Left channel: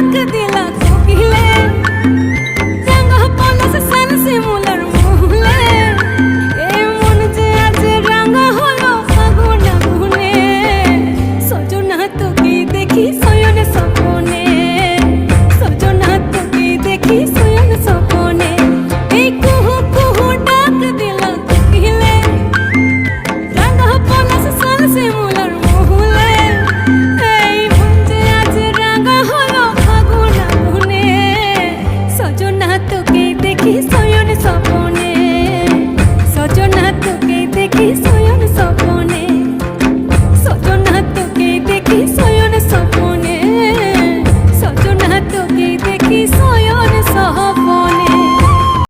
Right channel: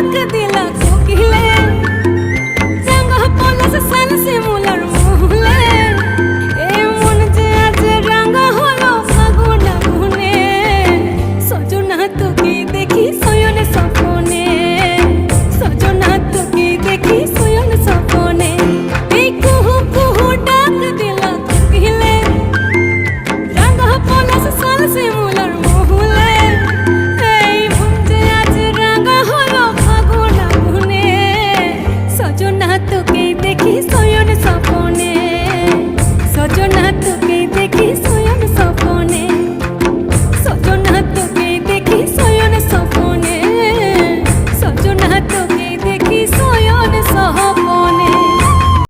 ডাক দিলা কোকিলে, রাঙা পলাশ সাল শিমুলার মহুলে। এই মন যে আজ রাঙা হলো ফাগুন আগুনে, সজনা তোকে দেখি শয়নে স্বপনে, সজনা তোকে দেখি শয়নে স্বপনে। এই কুহু কুহু ডাক দিলা কোকিলে, রাঙা পলাশ সাল শিমুলার মহুলে। এই মন যে আজ রাঙা হলো ফাগুন আগুনে, সজনা তোকে দেখি শয়নে স্বপনে, সজনা তোকে দেখি শয়নে স্বপনে, সজনা তোকে দেখি শয়নে স্বপনে, সজনা তোকে দেখি শয়নে স্বপনে।